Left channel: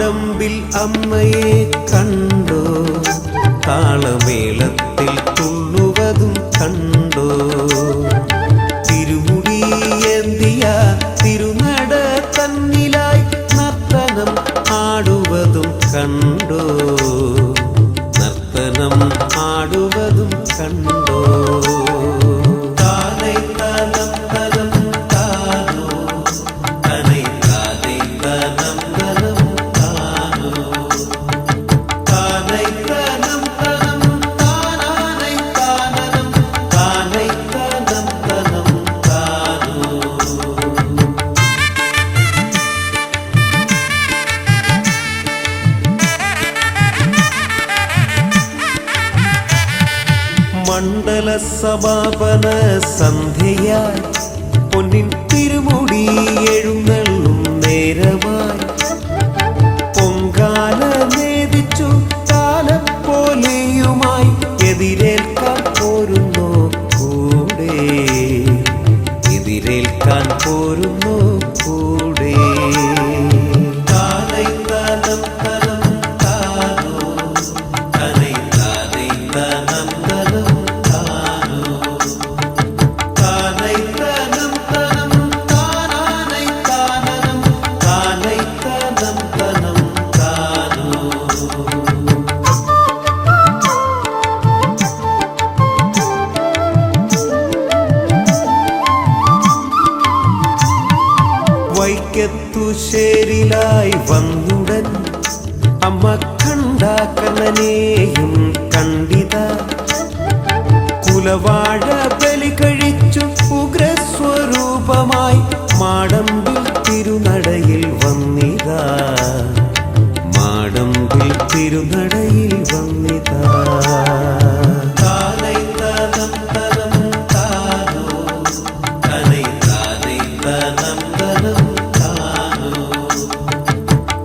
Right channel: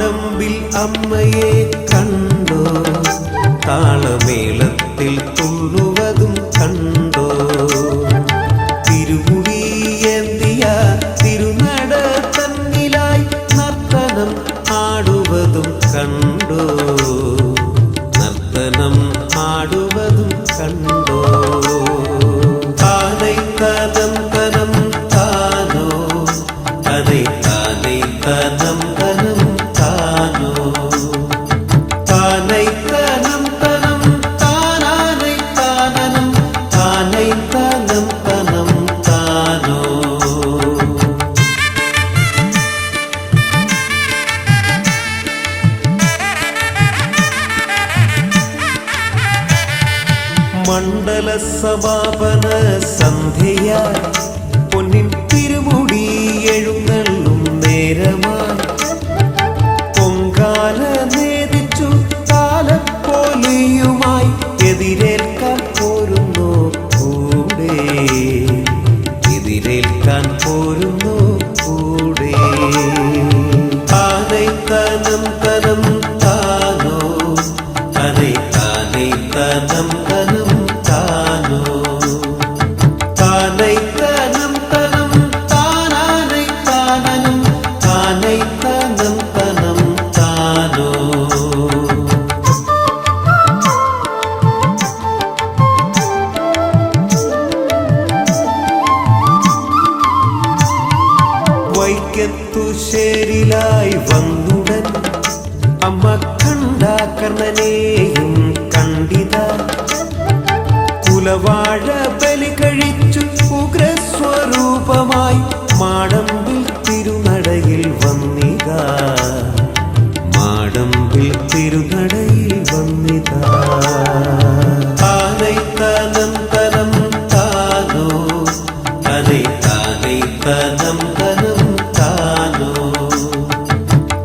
മാടമ്പിൽ അമ്മയെ കണ്ടോ, താളമേളത്തിൽ തുള്ളുവതും കണ്ടോ, തിരുമുടിയേന്തിയ തിരുനട തന്നിലായി നർത്തനം ആടുവതും കണ്ടോ, നർത്തനം ആടുവതും കണ്ടോ. താനൈ തനം തനം താനോ, തനൈ താനൈ തനം തനം താനോ, താനൈ തനം തനം താനാനൈ താനനം, താനൈ തനം തനം താനോ. മണ്ഡല സമാപന സന്ധ്യയായി പൊന്നിൻ തിരുമുടി എഴുന്നള്ളും നേരമായി പൊങ്കാല നേദിച്ചു താലപ്പോലിയുമായി എതിരേൽക്കാൻ പോരുന്നോ കൂടെ, എതിരേൽക്കാൻ പോരുന്നോ കൂടെ. താനൈ തനം തനം താനോ, തനൈ താനൈ തനം തനം താനോ, താനൈ തനം തനം താനാനൈ താനനം, താനൈ തനം തനം താനോ. വൈക്കത്തുശേരിലായി വന്നുടൻ അമ്മ കണ്ട കർണനെയും കണ്ടിത, കുലവാഴ ബലി കഴിച്ചു ഉഗ്രസ്വരൂപമായി മാടമ്പിൽ തിരുനടയിൽ വന്നിതാ, മാടമ്പിൽ തിരുനടയിൽ വന്നിതാ. താനൈ തനം തനം താനോ, തനൈ താനൈ തനം തനം താനോ,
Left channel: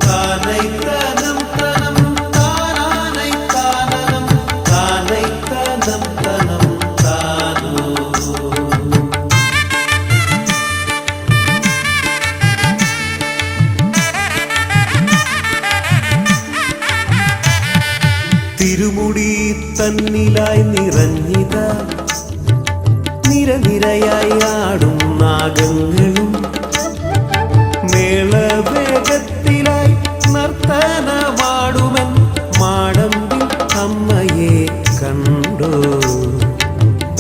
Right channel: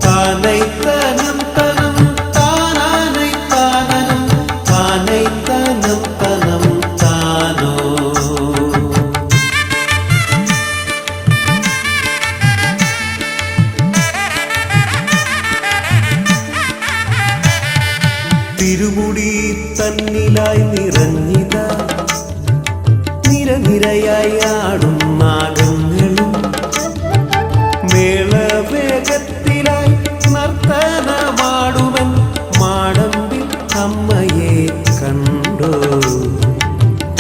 താനൈ തനം തനം താനാനൈ താനനം, താനൈ തനം തനം താനോ. തിരുമുടി തന്നിലായി നിറഞ്ഞിത നിരനിരയായി ആടും നാഗങ്ങളും, മേളവേഗത്തിലായി നർത്തനമാടുമൻ മാടമ്പിൽ അമ്മയെ കണ്ടോ,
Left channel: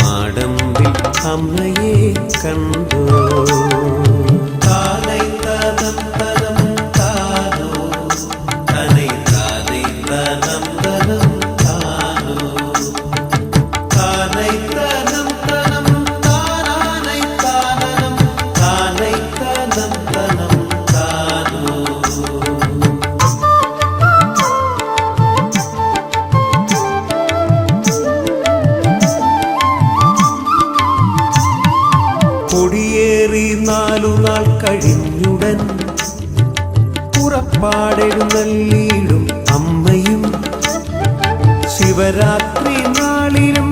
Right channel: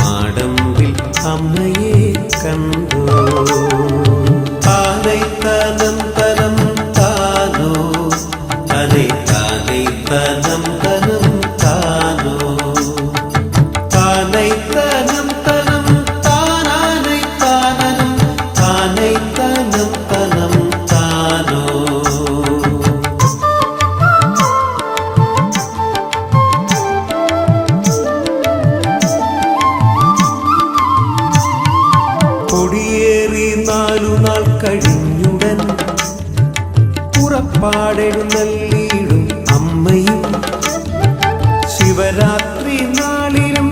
മാടമ്പിൽ അമ്മയെ കണ്ടോ. താനൈ തനം തനം താനോ, തനൈ താനൈ തനം തനം താനോ, താനൈ തനം തനം താനാനൈ താനനം, താനൈ തനം തനം താനോ. കൊടിയേറി 4 നാൾ കഴിഞ്ഞുടൻ പുറപ്പാടെഴുന്നള്ളിയിടും അമ്മയും, ശിവരാത്രി നാളിലും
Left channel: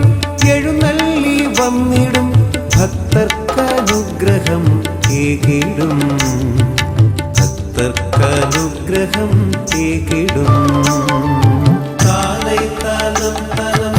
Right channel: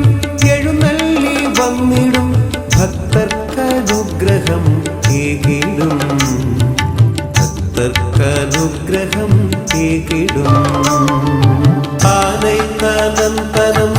എഴുന്നള്ളി വന്നിടും ഭക്തർക്കനുഗ്രഹം ഏകിടും, ഭക്തർക്കനുഗ്രഹം ഏകിടും. താനൈ തനം തനം